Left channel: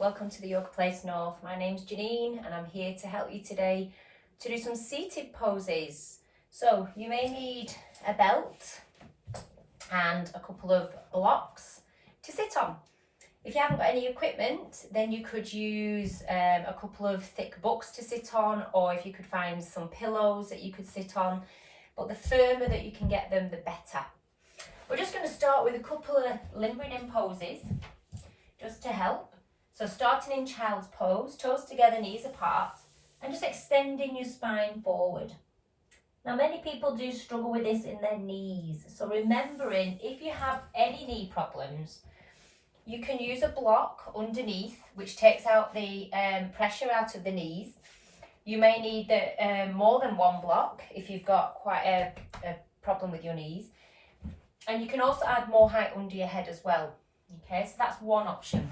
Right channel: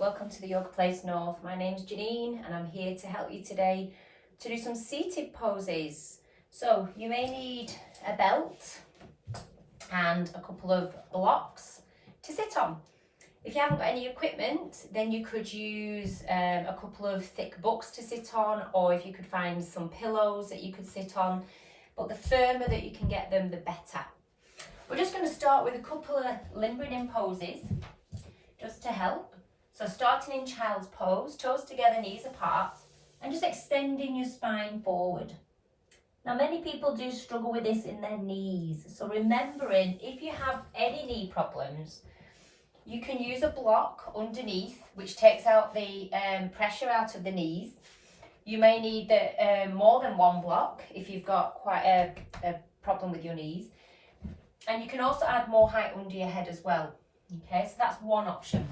welcome to the Yoga Place North. My name's Janine and I'm here to help you today to do some seated poses. So you may need a belt and a couple of blocks to sit on. If you haven't got any equipment, then you could use a couple of thick books to sit on, or if you could find some pillows that you could sit on, but the firmer that you can get them, the better. We're just going to start with a couple of limbering in poses just to help. So starting in child's pose, toes together, knees apart, and just extending your spine forward. Now many people do struggle with this in their knees, so remembering if you have any knee problems, you can use a block underneath which takes out the pressure out of the knees. You may need more than one block if you've got quite a problem with your knees. And you can also add more height under your head as well. Okay, so that's one option.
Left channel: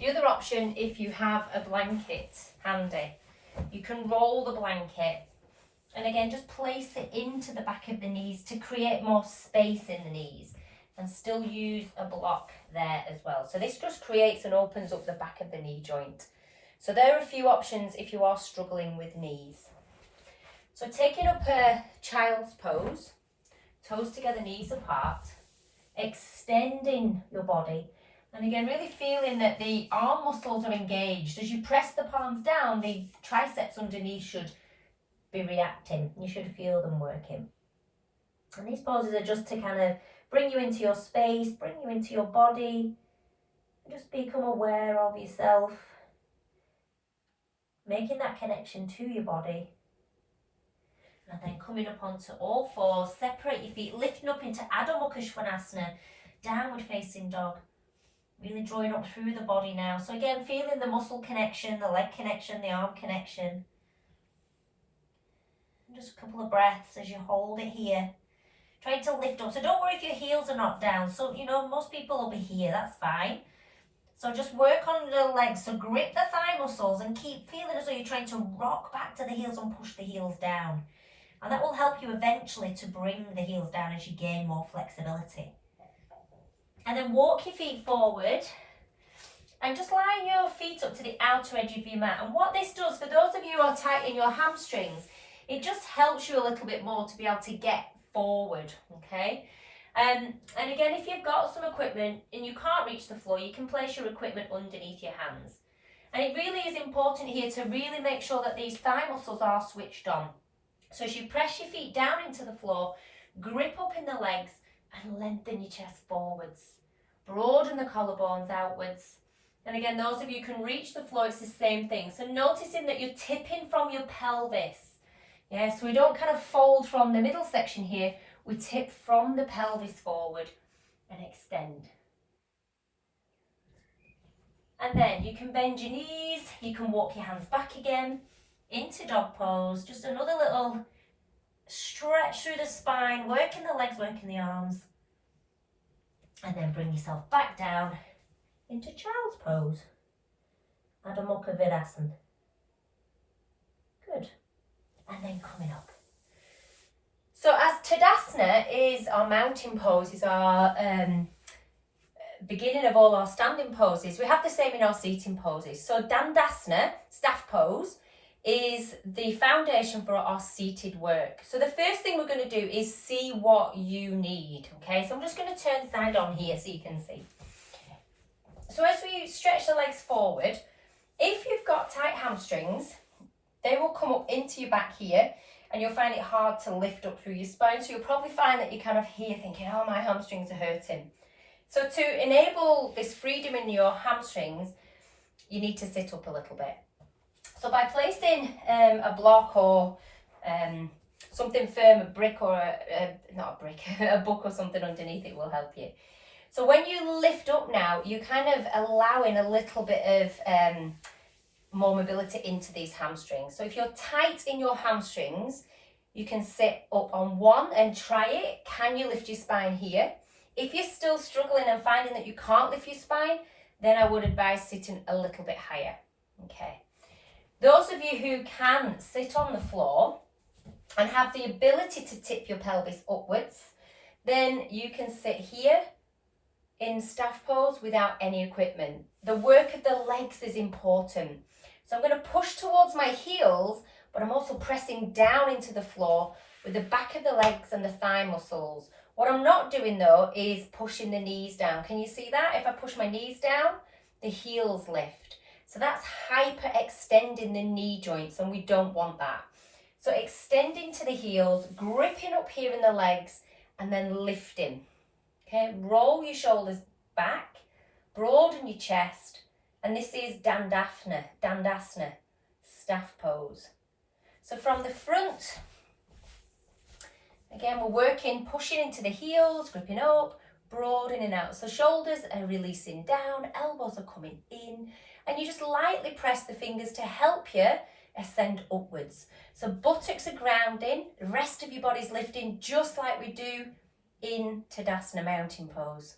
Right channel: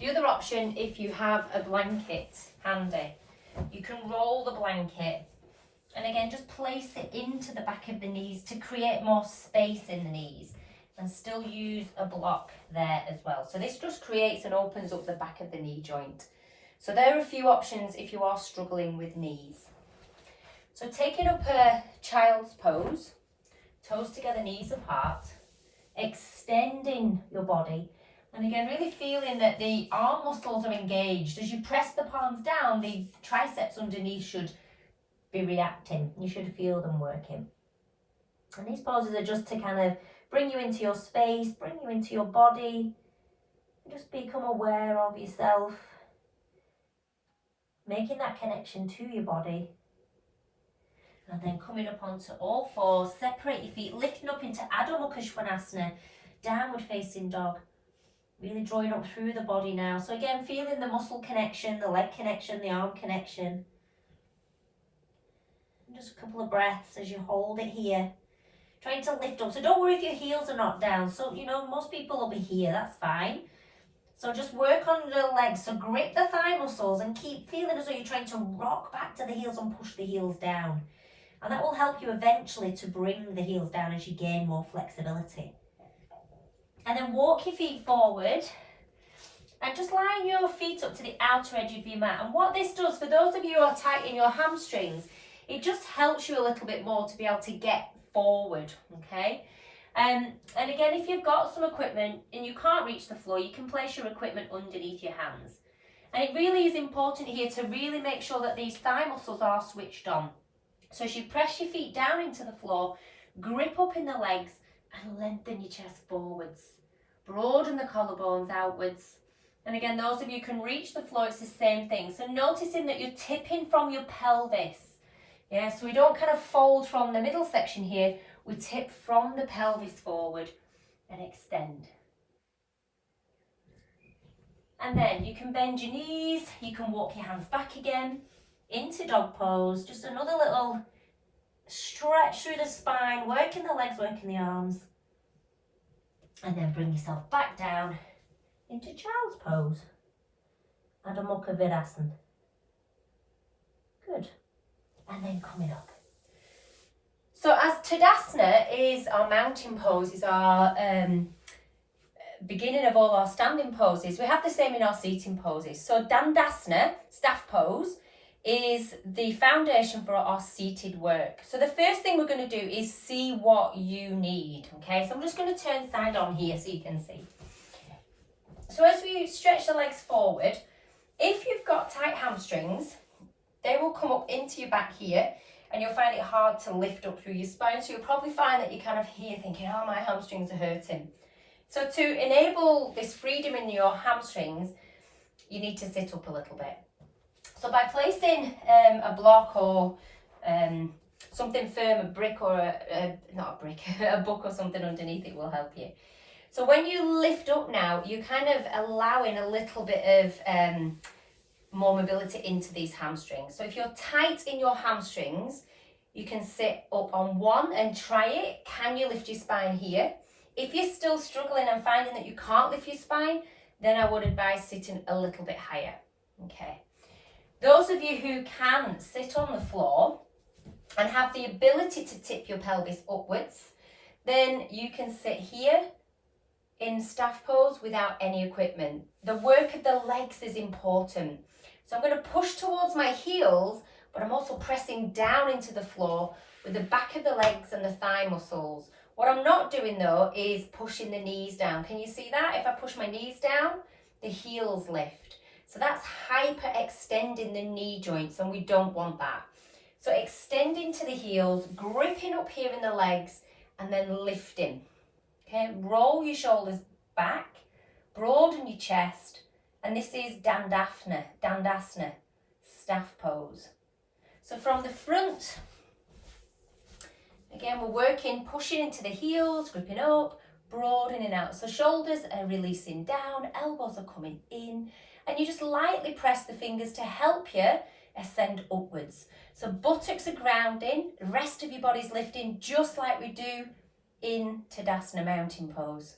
The other option, if you have a blanket handy, you can roll the blanket and again just place it into the back of the knees to create more space in the knees and still use a block there as well. So this just creates and opens up the back of the knee joint. So there are a few options if you are struggling with knees. So taking up a child's pose, toes together, knees apart, extending your body, and again really feeling that the arm muscles are engaged. As you press the palms down, the triceps underneath should be reacting. You should feel them working. And these poses are just to kind of bring you into your space, bring you into your body, just become aware of yourself, making that connection to your body. And then coming up onto all fours, separate your feet, lifting up into Adho Mukha Svanasana, downward facing dog. Really drawing up through the body now. So again, feeling the muscle connection, the leg connection, the arm connection. And just a couple of breaths as you hold it here. Trying to lift up. So don't worry if your heels are not down. So, most people will be here. That's fine. So just work on the legs. So grip the thigh muscles and keep feeling as though you're trying to rock back to the heels and push the heels down. And that will help you eventually to bring the heels down as you gain more flexibility. And then walk your feet forward and just line your feet up to the outer edge of your mat. And what this does, for those of you who are tight in your hamstrings, it just helps you a little bit more to be able to get forward, okay? And again, if you've got some equipment and you can't reach the floor, you can place your equipment underneath your hands. And it really is important here to really make sure that these thigh muscles are switched on. So as you press your feet down into the floor, grip up in the legs and lengthen your chest forwards. Broaden the collarbones outwards. And again, those of you who can reach the floor, it's the same thing. So noticing that you're tipping from your pelvis. Yeah, so we don't kind of fold from the middle section here. We tip from the pelvis forward and extend. And then you can bend your knees. You can walk your hands back again into dog pose. Just another little stretch through the spine, working the legs, working the arms. And then bring yourself back down into child's pose. Adho Mukha Virasana. Good. And then coming up. So as Tadasana is our mountain pose, is our beginning of all our standing poses, we have the same in our seating poses. So Dandasana, staff pose, is the foundation for our seated work. So the first thing we're going to do is see what you need, okay? So I'm just going to turn side on here so you can see. So as we stretch the legs forward, if you've got tight hamstrings, they will come up into your back here and you'll find it hard to lift up through your spine. So you'll probably find that you're kind of here thinking, oh, my hamstrings are hurting. So to enable this freedom in your hamstrings, you need to sit up a little bit. So by placing a block or something firm, a brick or not a brick, a book or something underneath it will help you. So when you lift up now, you're kind of allowing a little bit of more mobility into these hamstrings. So if you're tight in your hamstrings, you can sit up on one and try it. Can you lift your spine here? If you're still struggling and finding that you can't lift your spine, then I would advise sitting a little bit higher. Okay. Those of you who can sit on the floor and have the ability to tip your pelvis upwards, then you can sit here in staff pose without any equipment. The work of the legs is important. So I'm going to push towards my heels, but I'm also pressing down into the floor with the back of the legs and the thigh muscles. What I'm not doing though is pushing the knees down. Can you see that? If I push my knees down, the heels lift. So that's hyper extending the knee joints, and we don't want that. So extending to the heels, gripping up here in the legs, and then lifting. Okay, roll your shoulders back, broaden your chest, and this is Dandasana, staff pose. So from the front, again, we're working, pushing into the heels, gripping up, broadening out. So shoulders are releasing down, elbows are coming in, and you just lightly press the fingers to help you ascend upwards. So buttocks are grounding, the rest of your body's lifting just like we do in Tadasana mountain pose.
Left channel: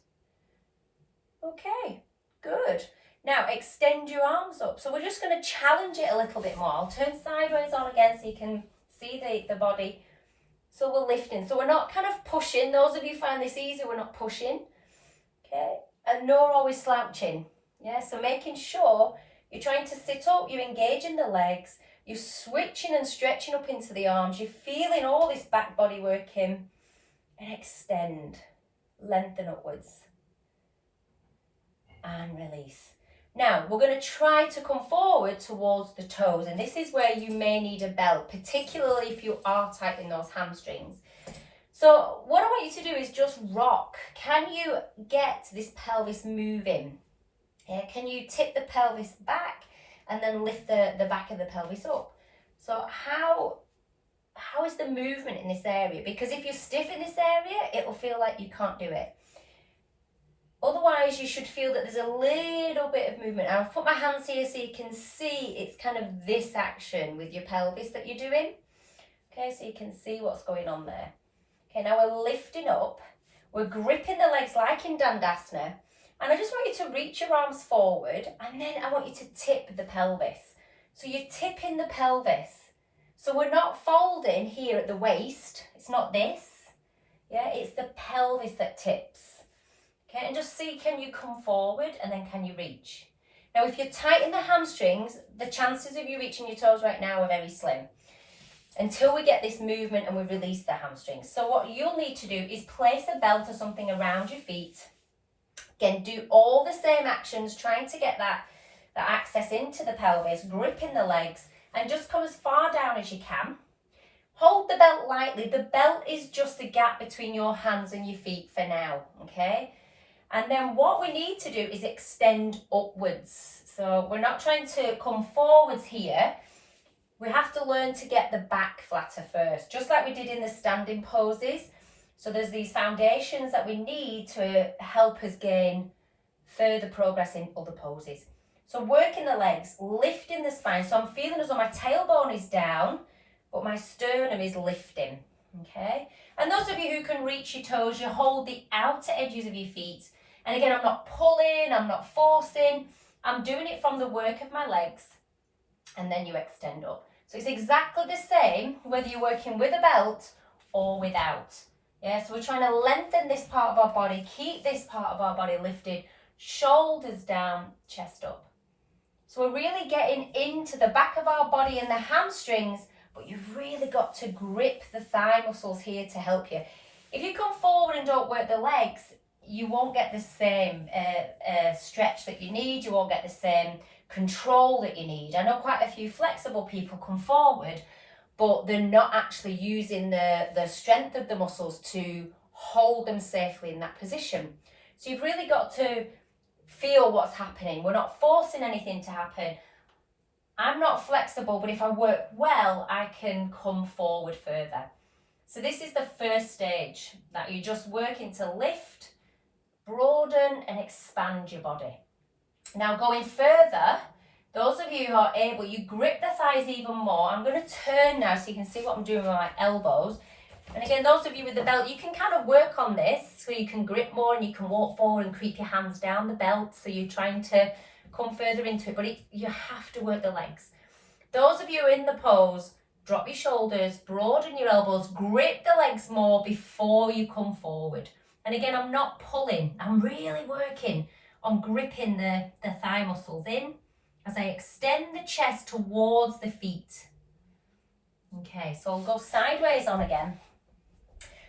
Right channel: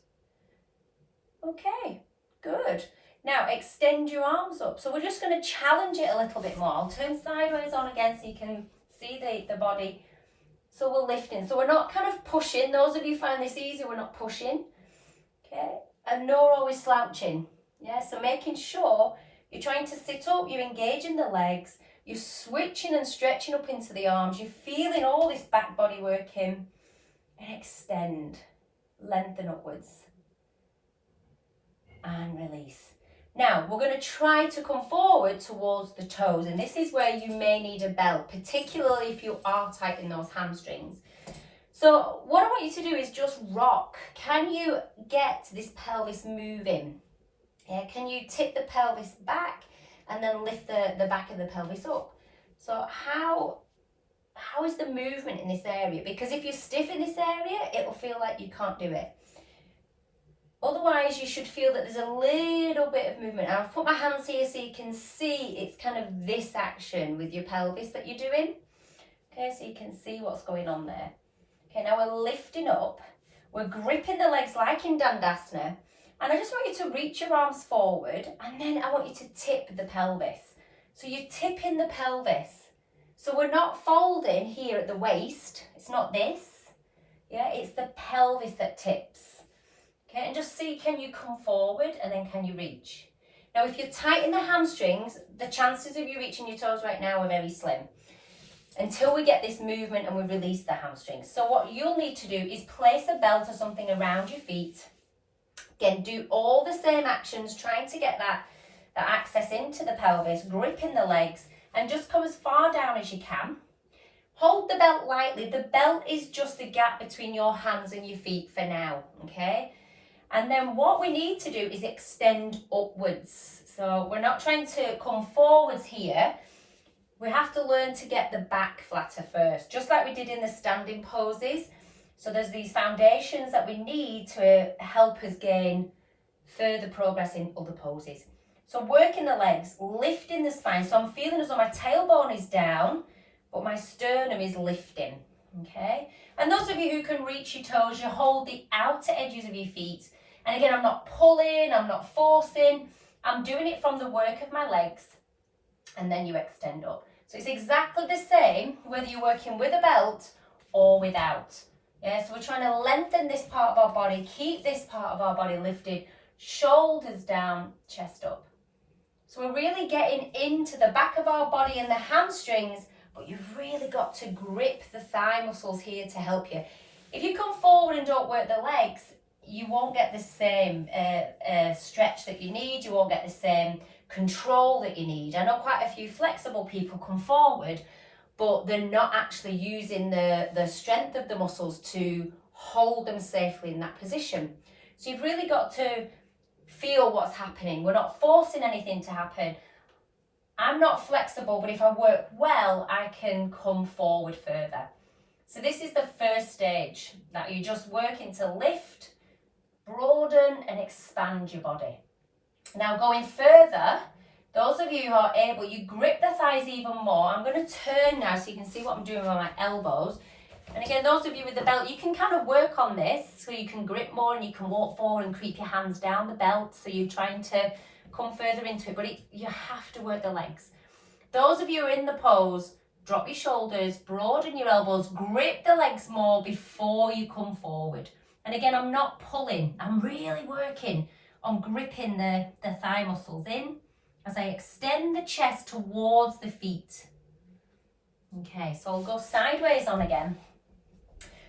Okay, good. Now extend your arms up. So we're just going to challenge it a little bit more. I'll turn sideways on again so you can see the body. So we're lifting. So we're not kind of pushing. Those of you find this easy, we're not pushing. Okay, and nor always slouching. Yeah, so making sure you're trying to sit up, you're engaging the legs, you're switching and stretching up into the arms, you're feeling all this back body working, and extend, lengthen upwards, and release. Now, we're going to try to come forward towards the toes, and this is where you may need a belt, particularly if you are tightening those hamstrings. So what I want you to do is just rock. Can you get this pelvis moving? Yeah, can you tip the pelvis back and then lift the back of the pelvis up? So how is the movement in this area? Because if you're stiff in this area, it will feel like you can't do it. Otherwise, you should feel that there's a little bit of movement. And I've put my hands here so you can see it's kind of this action with your pelvis that you're doing. Okay, so you can see what's going on there. Okay, now we're lifting up. We're gripping the legs like in Dandasana. And I just want you to reach your arms forward, and then I want you to tip the pelvis. So you're tipping the pelvis. So we're not folding here at the waist. It's not this. Yeah, it's the pelvis that tips. Okay, and just see, can you come forward and then can you reach? Now, if you're tight in the hamstrings, the chances of you reaching your toes right now are very slim until we get this movement and we release the hamstrings. So what you'll need to do is place a belt or something around your feet. Again, do all the same actions, trying to get that access into the pelvis, gripping the legs, and just come as far down as you can. Hold the belt lightly. The belt is just the gap between your hands and your feet for now, okay? And then what we need to do is extend upwards. So we're not trying to come forwards here. We have to learn to get the back flatter first, just like we did in the standing poses. So there's these foundations that we need to help us gain further progress in other poses. So working the legs, lifting the spine. So I'm feeling as though my tailbone is down, but my sternum is lifting, okay? And those of you who can reach your toes, you hold the outer edges of your feet. And again, I'm not pulling, I'm not forcing. I'm doing it from the work of my legs, and then you extend up. So it's exactly the same whether you're working with a belt or without. Yeah, so we're trying to lengthen this part of our body, keep this part of our body lifted, shoulders down, chest up. So we're really getting into the back of our body and the hamstrings, but you've really got to grip the thigh muscles here to help you. If you come forward and don't work the legs, you won't get the same stretch that you need, you won't get the same control that you need. I know quite a few flexible people come forward, but they're not actually using the strength of the muscles to hold them safely in that position. So you've really got to feel what's happening. We're not forcing anything to happen. I'm not flexible, but if I work well, I can come forward further. So this is the first stage, that you're just working to lift, broaden and expand your body. Now going further, those of you who are able, you grip the thighs even more. I'm going to turn now so you can see what I'm doing with my elbows. And again, those of you with the belt, you can kind of work on this so you can grip more and you can walk forward and creep your hands down the belt. So you're trying to come further into it, but you have to work the legs. Those of you who are in the pose, drop your shoulders, broaden your elbows, grip the legs more before you come forward. And again, I'm not pulling. I'm really working on gripping the thigh muscles in as I extend the chest towards the feet. Okay, so I'll go sideways on again.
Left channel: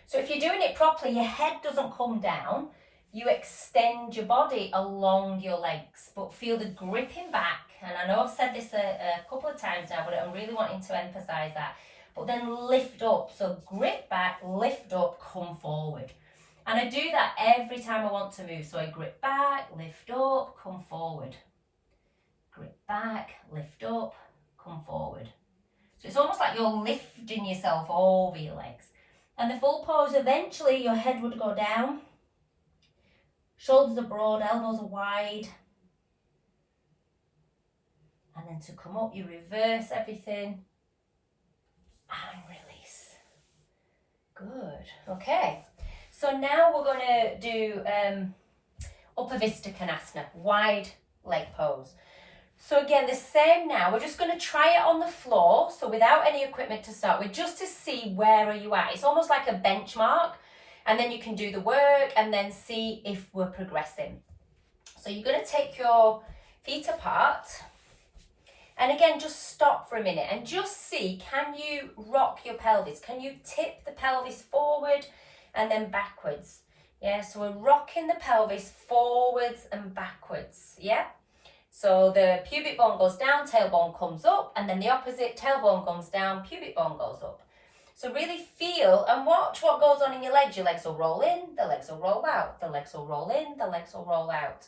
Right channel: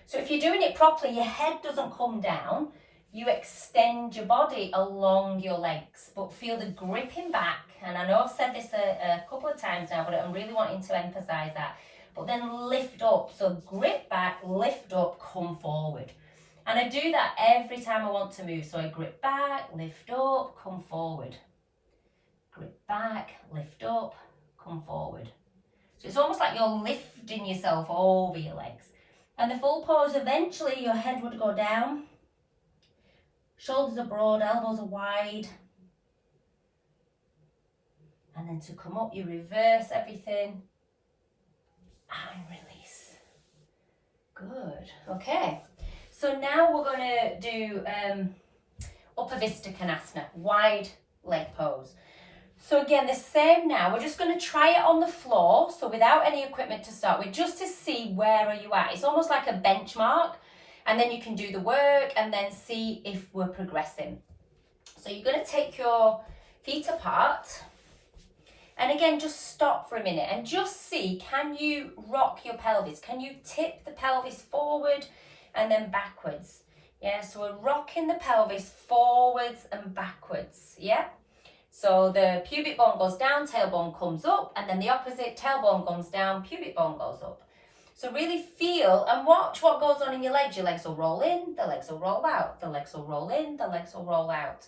So if you're doing it properly, your head doesn't come down. You extend your body along your legs, but feel the gripping back. And I know I've said this a couple of times now, but I'm really wanting to emphasize that. But then lift up. So grip back, lift up, come forward. And I do that every time I want to move. So I grip back, lift up, come forward. Grip back, lift up, come forward. So it's almost like you're lifting yourself over your legs. And the full pose, eventually your head would go down. Shoulders are broad, elbows are wide. And then to come up, you reverse everything. And release. Good. Okay. So now we're going to do Upper Konasana, wide leg pose. So again, the same now. We're just going to try it on the floor. So without any equipment to start with, just to see where are you at. It's almost like a benchmark. And then you can do the work and then see if we're progressing. So you're going to take your feet apart. And again, just stop for a minute and just see, can you rock your pelvis? Can you tip the pelvis forward and then backwards? Yeah, so we're rocking the pelvis forwards and backwards. Yeah. So the pubic bone goes down, tailbone comes up, and then the opposite, tailbone comes down, pubic bone goes up. So really feel and watch what goes on in your legs. Your legs will roll in, the legs will roll out, the legs will roll in, the legs will roll out.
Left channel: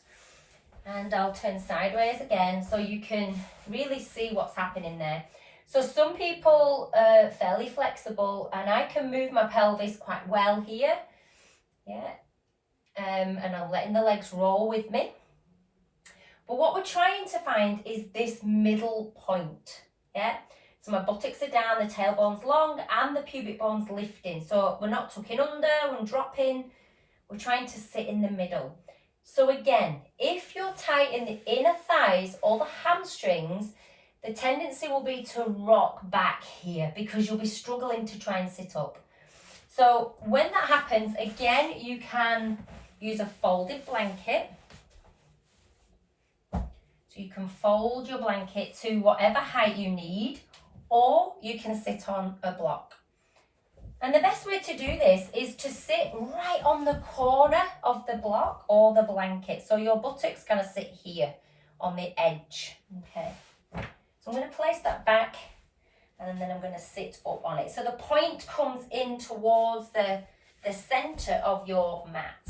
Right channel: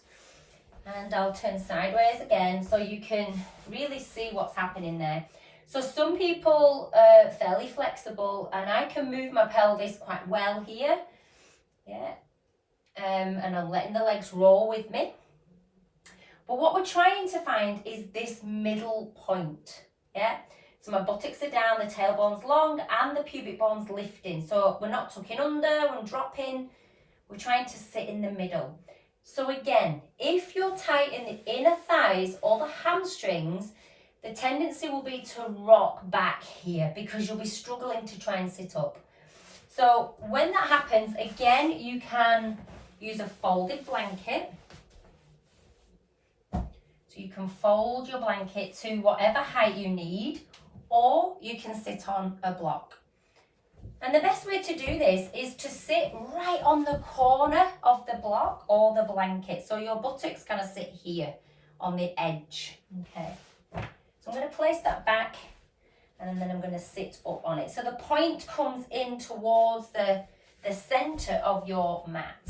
And I'll turn sideways again so you can really see what's happening there. So some people are fairly flexible and I can move my pelvis quite well here. Yeah. And I'm letting the legs roll with me. But what we're trying to find is this middle point. Yeah. So my buttocks are down, the tailbone's long and the pubic bone's lifting. So we're not tucking under, we're dropping. We're trying to sit in the middle. So again, if you're tight in the inner thighs or the hamstrings, the tendency will be to rock back here because you'll be struggling to try and sit up. So when that happens, again, you can use a folded blanket. So you can fold your blanket to whatever height you need, or you can sit on a block. And the best way to do this is to sit right on the corner of the block or the blanket. So your buttocks kind of sit here on the edge. Okay. So I'm going to place that back and then I'm going to sit up on it. So the point comes in towards the center of your mat.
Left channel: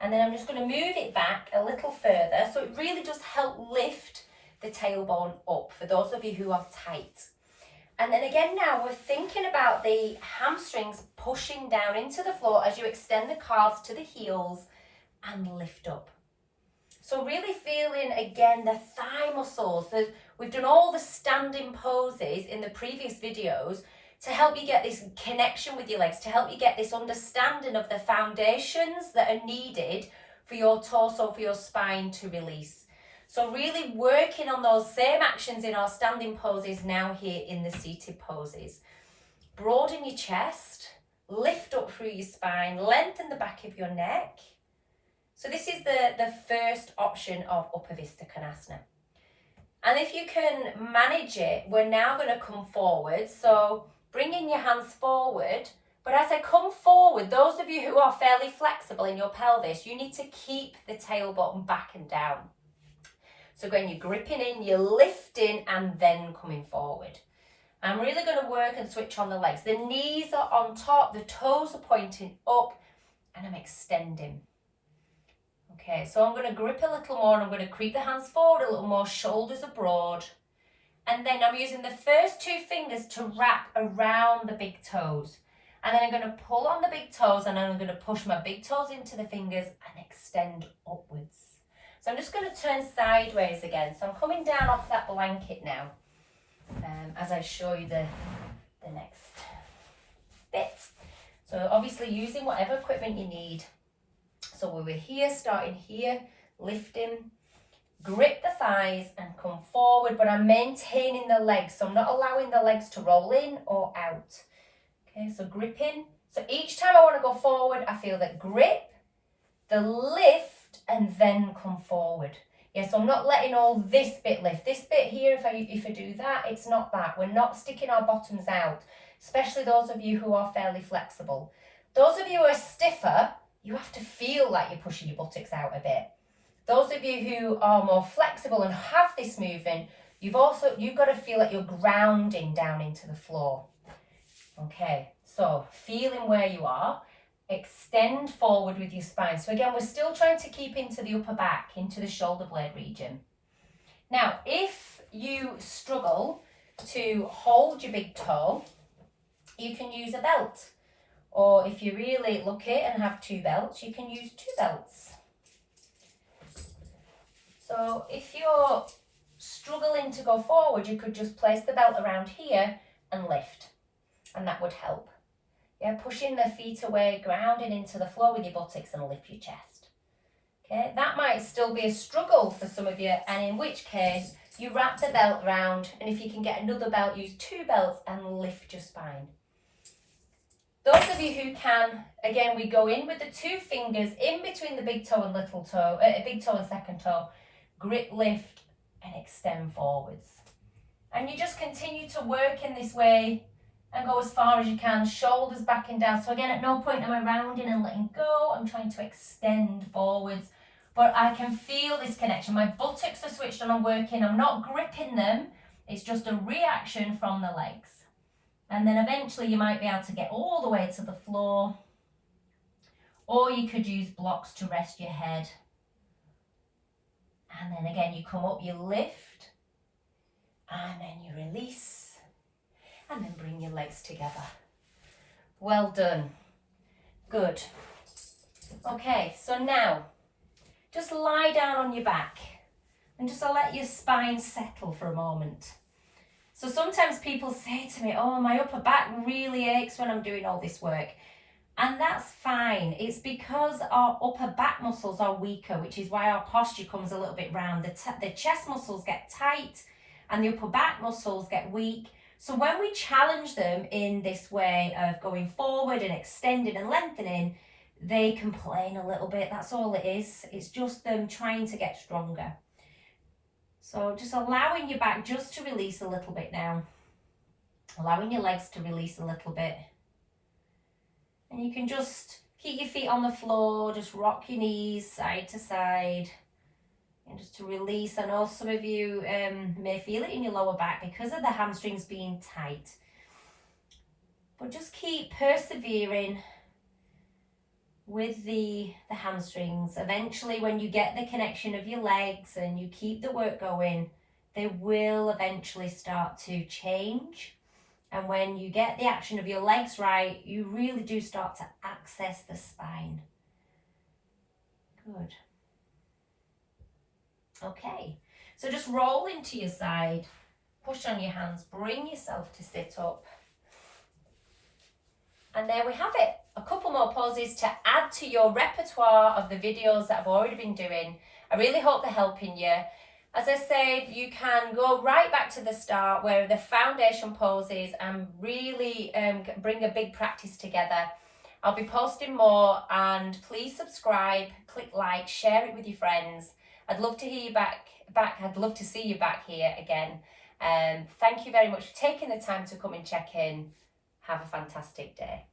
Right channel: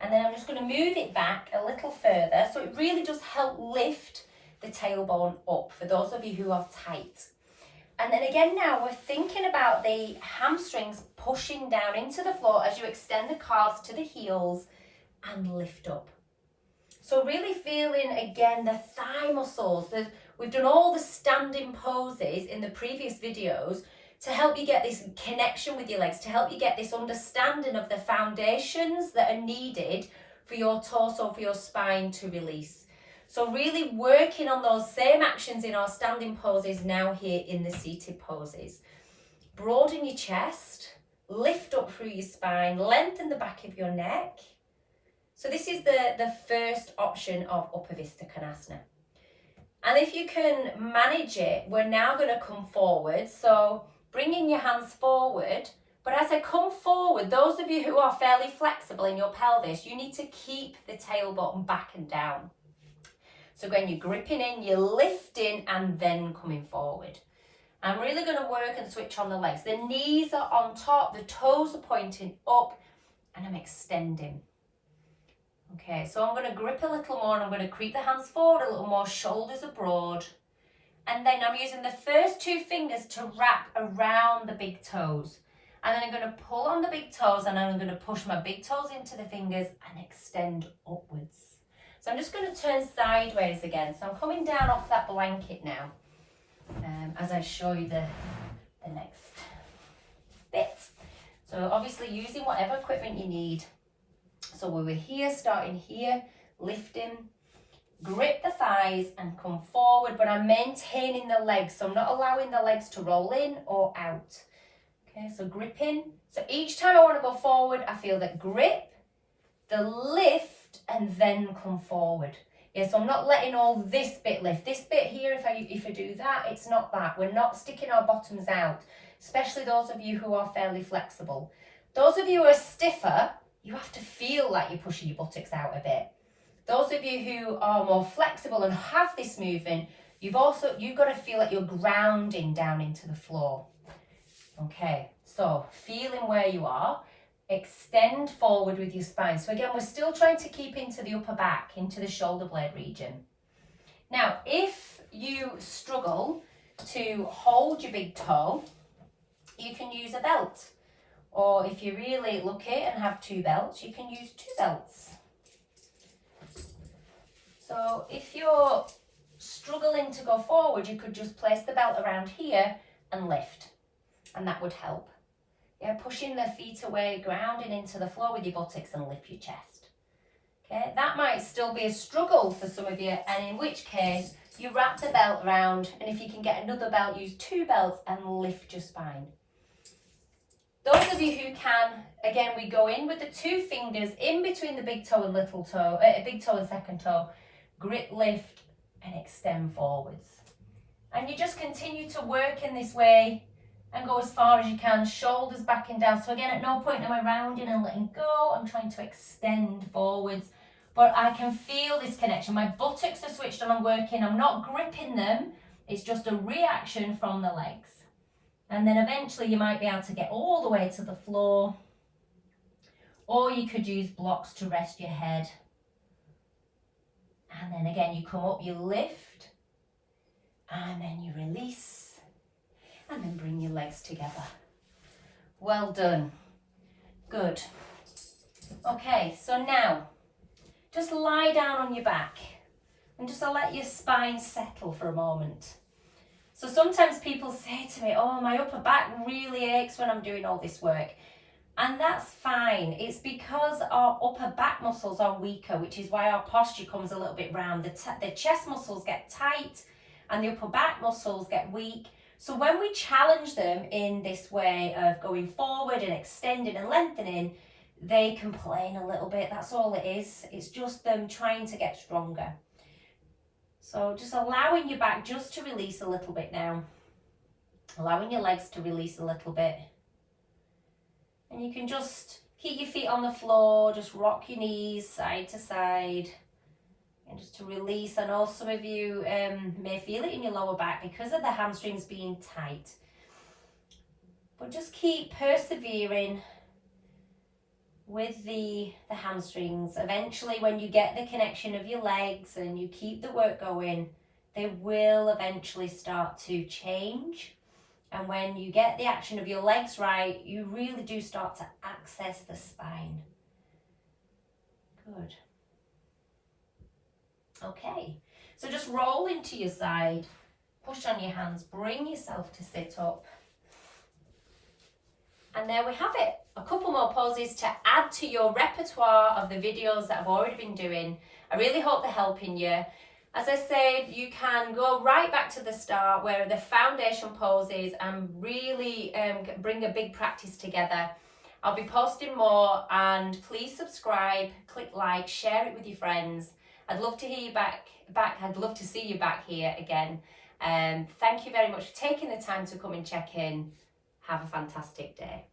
And then I'm just going to move it back a little further. So it really does help lift the tailbone up for those of you who are tight. And then again now we're thinking about the hamstrings pushing down into the floor as you extend the calves to the heels and lift up. So really feeling again the thigh muscles. We've done all the standing poses in the previous videos to help you get this connection with your legs, to help you get this understanding of the foundations that are needed for your torso, for your spine to release. So really working on those same actions in our standing poses now here in the seated poses. Broaden your chest, lift up through your spine, lengthen the back of your neck. So this is the first option of Upper Konasana. And if you can manage it, we're now going to come forward. So bringing your hands forward. But as I come forward, those of you who are fairly flexible in your pelvis, you need to keep the tailbone back and down. So again, you're gripping in, you're lifting and then coming forward. I'm really going to work and switch on the legs. The knees are on top, the toes are pointing up and I'm extending. Okay, so I'm going to grip a little more and I'm going to creep the hands forward a little more, shoulders are broad. And then I'm using the first two fingers to wrap around the big toes. And then I'm going to pull on the big toes and then I'm going to push my big toes into the fingers and extend upwards. So I'm just going to turn sideways again. So I'm coming down off that blanket now as I show you the next bit. So obviously using whatever equipment you need. So we were here, starting here, lifting, grip the thighs and come forward, but I'm maintaining the legs. So I'm not allowing the legs to roll in or out. Okay, so gripping, So each time I want to go forward, I feel the grip, the lift, and then come forward. Yeah, so I'm not letting all this bit lift. This bit here, if I do that, it's not that. We're not sticking our bottoms out, especially those of you who are fairly flexible. Those of you who are stiffer, you have to feel like you're pushing your buttocks out a bit. Those of you who are more flexible and have this movement, you've got to feel like you're grounding down into the floor. Okay, so feeling where you are, extend forward with your spine. So again, we're still trying to keep into the upper back, into the shoulder blade region. Now, if you struggle to hold your big toe, you can use a belt. Or if you're really lucky and have 2 belts, you can use 2 belts. So if you're struggling to go forward, you could just place the belt around here and lift, and that would help. Yeah, pushing the feet away, grounding into the floor with your buttocks and lift your chest. Okay, that might still be a struggle for some of you, and in which case you wrap the belt around, and if you can get another belt, use 2 belts and lift your spine. Those of you who can, again, we go in with the 2 fingers in between the big toe and little toe, big toe and second toe, grip, lift, and extend forwards. And you just continue to work in this way and go as far as you can, shoulders back and down. So again, at no point am I rounding and letting go. I'm trying to extend forwards, but I can feel this connection. My buttocks are switched on and working. I'm not gripping them. It's just a reaction from the legs. And then eventually you might be able to get all the way to the floor, or you could use blocks to rest your head. And then again, you come up, you lift, and then you release, and then bring your legs together. Well done. Good. Okay, so now just lie down on your back and just let your spine settle for a moment. So sometimes people say to me, oh, my upper back really aches when I'm doing all this work. And that's fine. It's because our upper back muscles are weaker, which is why our posture comes a little bit round. The chest muscles get tight and the upper back muscles get weak. So when we challenge them in this way of going forward and extending and lengthening, they complain a little bit. That's all it is. It's just them trying to get stronger. So just allowing your back just to release a little bit now. Allowing your legs to release a little bit. And you can just keep your feet on the floor, just rock your knees side to side. And just to release. I know some of you may feel it in your lower back because of the hamstrings being tight. But just keep persevering with the hamstrings. Eventually, when you get the connection of your legs and you keep the work going, they will eventually start to change. And when you get the action of your legs right, you really do start to access the spine. Good. Okay, so just roll into your side, push on your hands, bring yourself to sit up. And there we have it. A couple more poses to add to your repertoire of the videos that I've already been doing. I really hope they're helping you. As I said, you can go right back to the start where the foundation poses and really bring a big practice together. I'll be posting more, and please subscribe, click like, share it with your friends. I'd love to hear you back. I'd love to see you back here again. Thank you very much for taking the time to come and check in. Have a fantastic day.